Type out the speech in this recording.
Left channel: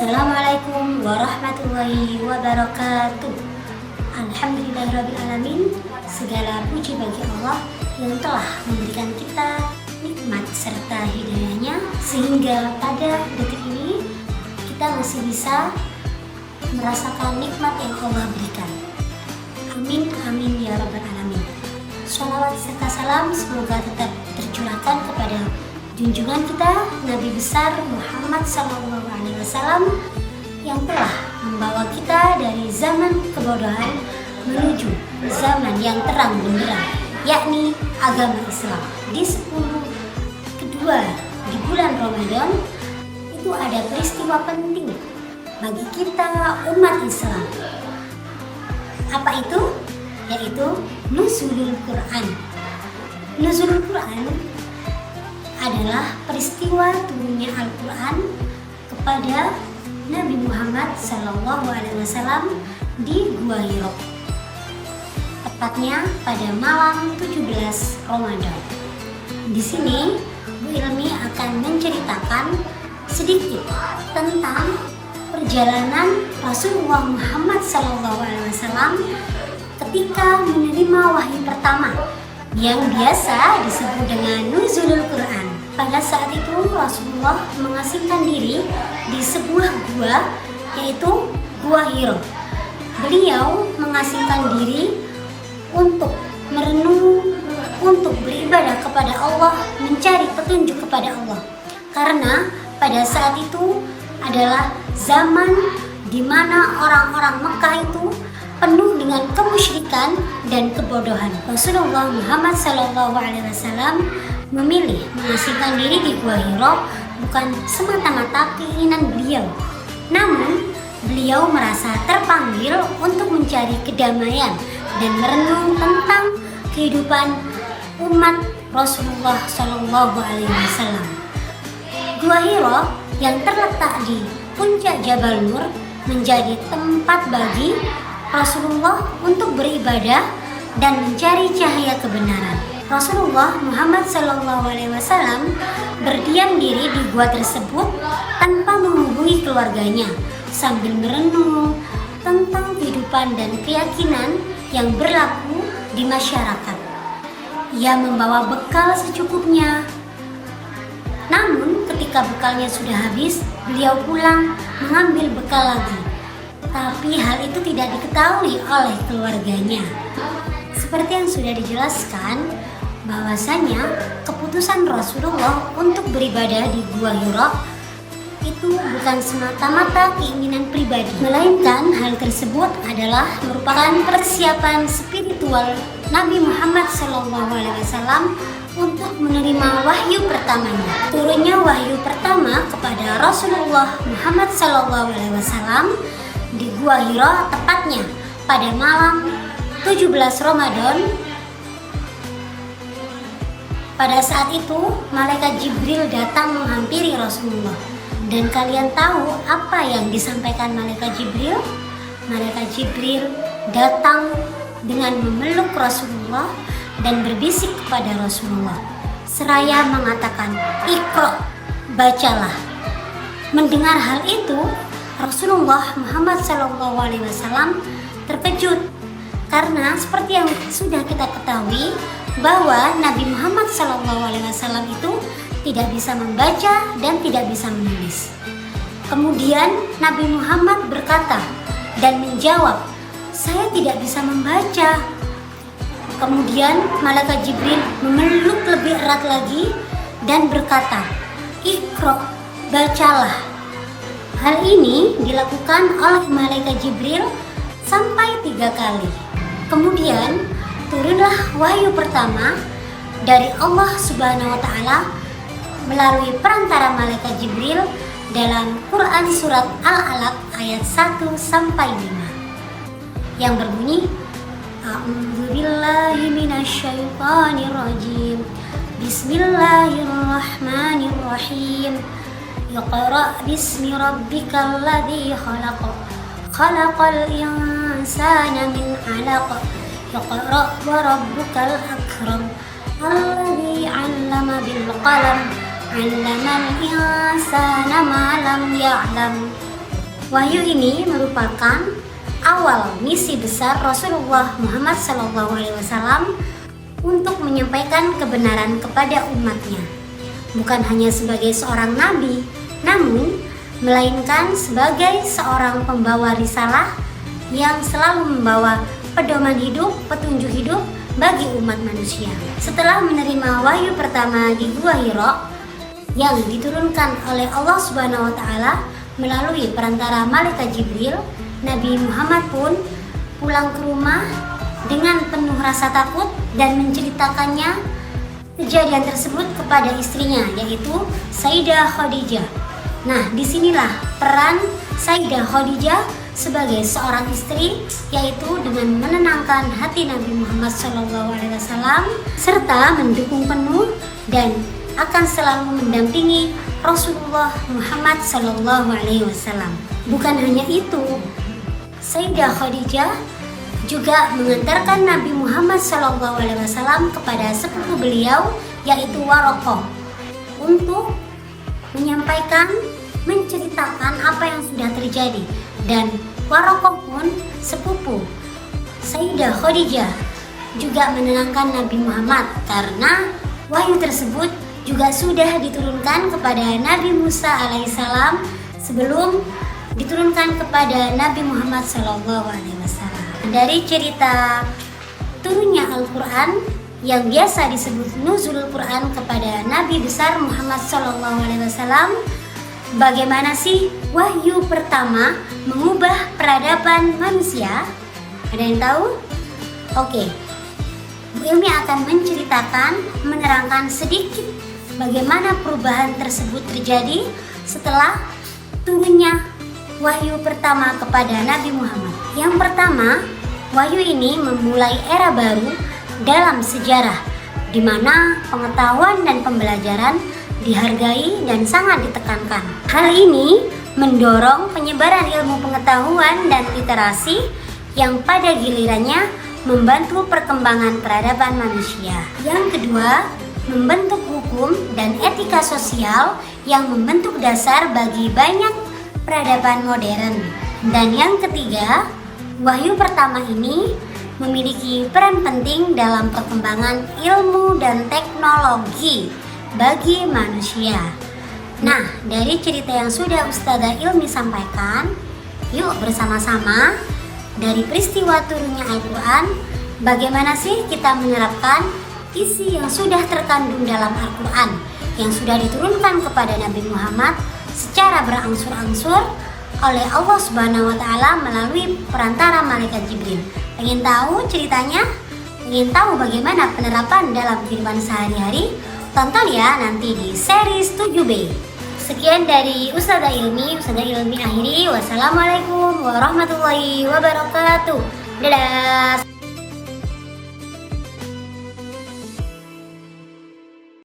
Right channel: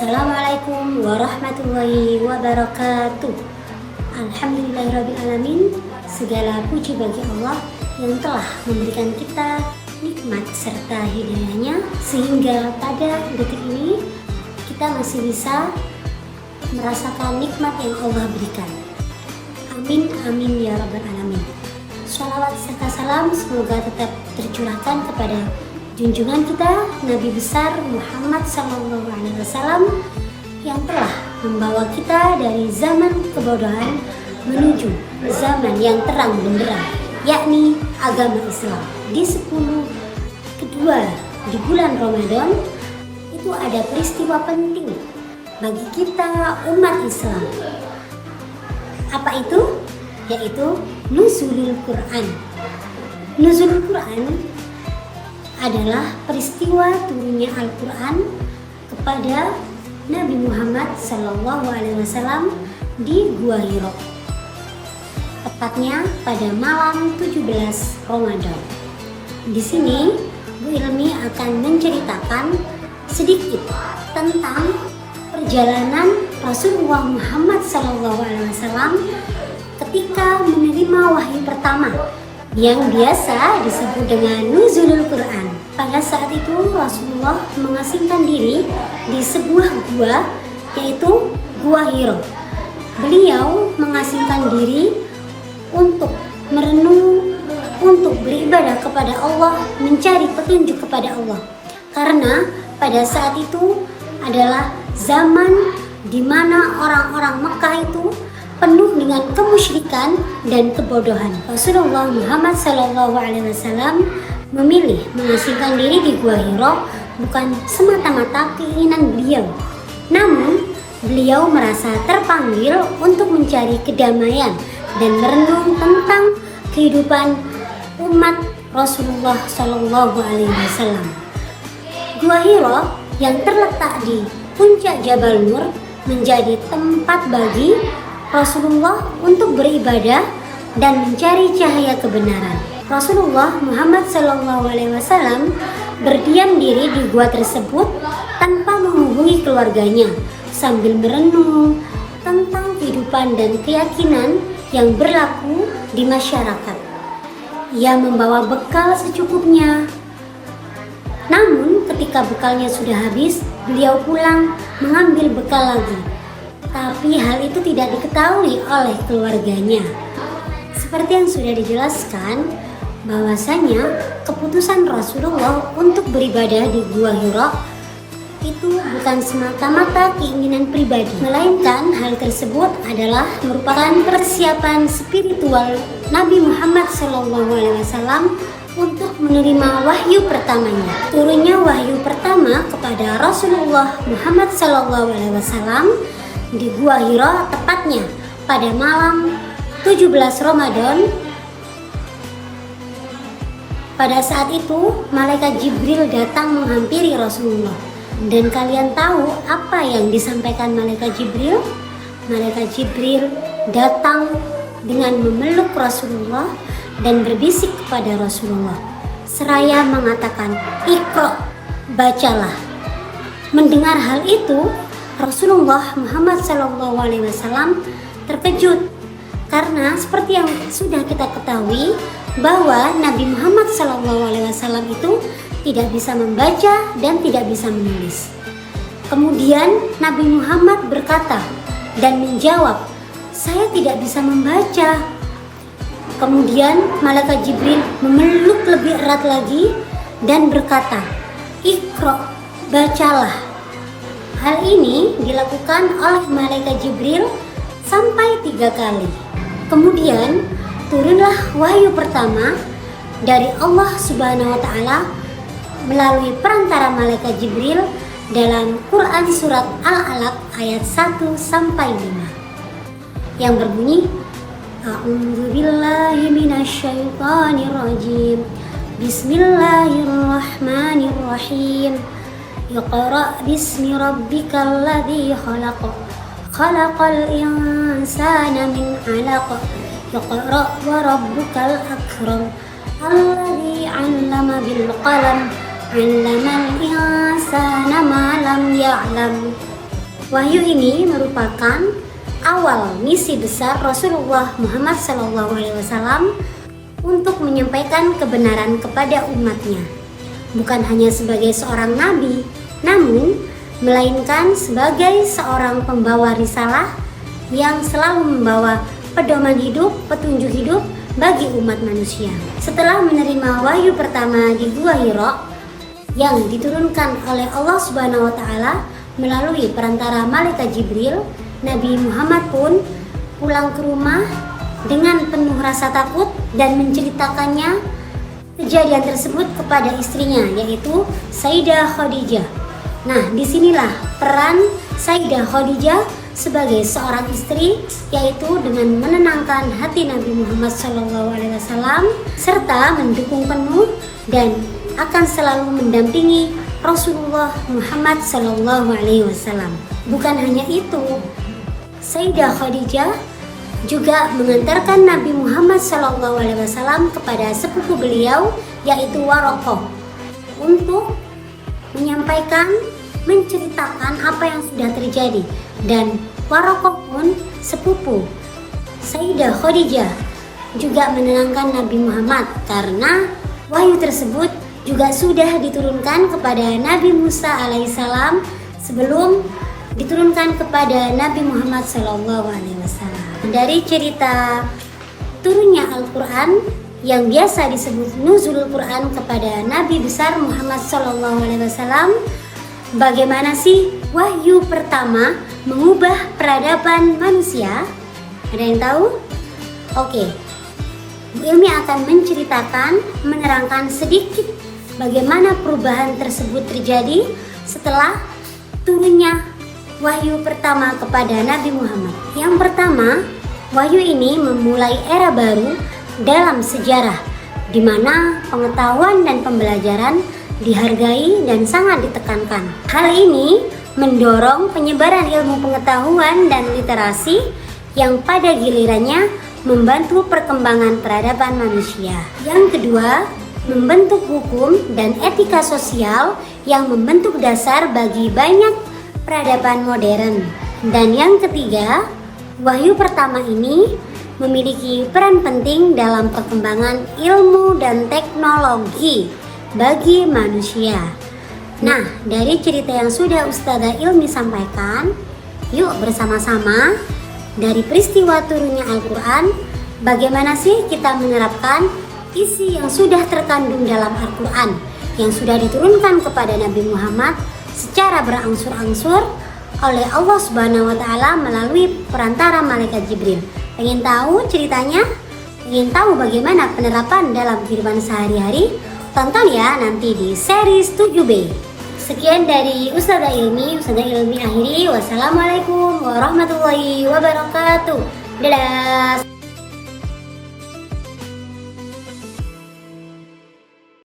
Assalamualaikum warahmatullahi wabarakatuh. Alhamdulillahirrabbilalamin. Segala puji bagi Allah yang telah memberikan kita nikmat serta hidayahnya, sehingga pada detik ini kita masih bisa merasakan nikmat yang Allah berikan. Amin amin ya rabbal alamin. Shalawat serta salam semoga tetap tercurahkan kepada junjungan kita Nabi besar Muhammad SAW yang telah membawa kita dari zaman kebodohan menuju zaman yang terang benderang, yakni agama Islam. Di 10 kedua di bulan Ramadan itu ada peristiwa penting bagi kita umat Islam. Apa itu? Yaitu Nuzulul Quran. Nuzulul Quran adalah peristiwa turunnya Al-Quran kepada Nabi Muhammad SAW di Gua Hiro, tepatnya pada malam 17 Ramadan. Di sini Bu Ilmi akan menceritakan sedikit tentang perjalanan Rasulullah Muhammad SAW ketika menerima wahyu pertama yang biasa disebut dengan Nuzulul Quran. Pada saat itu Rasulullah mengasingkan diri di sebuah gua, yaitu Gua Hiro. Beliau mengasingkan diri untuk merenung, untuk beribadah kepada Allah, mencari petunjuk kepada Allah. Karena pada saat itu adalah zaman di mana orang-orang Mekah itu penuh dengan kemusyrikan dan kebodohan. Rasulullah Muhammad SAW memilih mengasingkan diri di Gua Hiro bukan semata-mata keinginan beliau, namun beliau merasa terpanggil untuk mencari kedamaian dan merenung tentang kehidupan umat Rasulullah SAW. Gua Hiro yang terletak di puncak Jabal Nur menjadi tempat bagi Rasulullah untuk beribadah dan mencari cahaya kebenaran. Rasulullah Muhammad SAW berdiam diri di gua tersebut tanpa menghubungi keluarganya, sambil merenung tentang kehidupan dan keyakinan yang berlaku di masyarakat. Ia membawa bekal secukupnya. Namun ketika bekalnya sudah habis, beliau pulang mengambil bekal lagi. Tapi hal itu tidak diketahui oleh keluarganya. Seperti yang sudah dijelaskan, bahwasanya keputusan Rasulullah untuk beribadah di Gua Hiro itu bukan semata-mata keinginan pribadi, melainkan hal tersebut adalah merupakan persiapan spiritual Nabi Muhammad SAW untuk menerima wahyu pertamanya. Turunnya wahyu pertama kepada Rasulullah Muhammad SAW di Gua Hiro tepatnya pada malam 17 Ramadan. Pada saat itu malaikat Jibril datang menghampiri Rasulullah. Dan kalian tahu apa yang disampaikan malaikat Jibril? Malaikat Jibril datang dengan memeluk Rasulullah dan berbisik kepada Rasulullah seraya mengatakan, "Iqra, bacalah." Mendengar hal itu, Rasulullah Muhammad SAW terkejut karena seperti yang sudah kita ketahui bahwa Nabi Muhammad SAW itu tidak bisa membaca dan tidak bisa menulis. Kemudian Nabi Muhammad berkata dan menjawab, "Saya tidak bisa membaca." Kemudian malaikat Jibril memeluk lebih erat lagi dan berkata, "Iqra, bacalah." Hal ini dilakukan oleh malaikat Jibril sampai 3 kali. Kemudian turunlah wahyu pertama dari Allah Subhanahu wa Ta'ala melalui perantara malaikat Jibril dalam Quran surat Al-Alaq ayat 1 sampai 5 yang berbunyi, A'udzubillahi minasyaitonirrajim. Bismillahirrahmanirrahim. Iqra bismi rabbikal ladzi khalaq. Khalaqal insana min 'alaq. Iqra wa rabbukal akram. Alladzi 'allama bil qalam. 'Allamal insana ma lam ya'lam. Wahyu ini merupakan awal misi besar Rasulullah Muhammad SAW untuk menyampaikan kebenaran kepada umatnya. Bukan hanya sebagai seorang nabi, namun melainkan sebagai seorang pembawa risalah yang selalu membawa pedoman hidup, petunjuk hidup bagi umat manusia. Setelah menerima wahyu pertama di Gua Hira yang diturunkan oleh Allah Subhanahu wa taala melalui perantara malaikat Jibril, Nabi Muhammad pun pulang ke rumah dengan penuh rasa takut dan menceritakannya kejadian tersebut kepada istrinya, yaitu Sayyidah Khadijah. Nah, disinilah peran Sayyidah Khadijah sebagai seorang istri, yaitu dengan menenangkan hati Nabi Muhammad SAW serta mendukung penuh dan akan selalu mendampingi Rasulullah Muhammad SAW. Bukan hanya itu, Sayyidah Khadijah juga mengantarkan Nabi Muhammad SAW kepada sepupu beliau, yaitu Waraqah, untuk menyampaikan, menceritakan apa yang sudah terjadi. Dan Waraqah pun sepupu Sayyidah Khadijah juga menenangkan Nabi Muhammad karena wahyu tersebut juga sudah diturunkan kepada Nabi Musa alaihissalam sebelum diturunkan kepada Nabi Muhammad SAW. Dari cerita turunnya Al-Quran yang biasa disebut nuzul Quran kepada Nabi besar Muhammad SAW, bagaimana sih wahyu pertama mengubah peradaban manusia? Ada yang tahu? Oke, Ilmi akan menceritakan, menerangkan sedikit bagaimana perubahan tersebut terjadi setelah turunnya wahyu pertama kepada Nabi Muhammad. Yang pertama, wahyu ini memulai era baru dalam sejarah, di mana pengetahuan dan pembelajaran dihargai dan sangat ditekankan. Hal ini mendorong penyebaran ilmu pengetahuan dan literasi yang pada gilirannya membantu perkembangan peradaban manusia. Yang kedua, membentuk hukum dan etika sosial yang membentuk dasar bagi banyak peradaban modern. Dan yang ketiga, wahyu pertama ini memiliki peran penting dalam perkembangan ilmu dan teknologi bagi manusia. Nah, dari cerita yang sudah Ustazah Ilmi sampaikan, yuk bersama-sama dari peristiwa turunnya Al-Quran, bagaimana sih kita menerapkan isi yang sudah terkandung dalam Al-Quran yang sudah diturunkan kepada Nabi Muhammad secara berangsur-angsur oleh Allah Subhanahu wa taala melalui perantara malaikat Jibril. Pengen tahu ceritanya? Pengen tahu bagaimana penerapan dalam kehidupan sehari-hari? Tonton ya nanti di series 7B. Sekian dari Ustazah Ilmi akhiri. Wassalamualaikum warahmatullahi wabarakatuh. Dadah.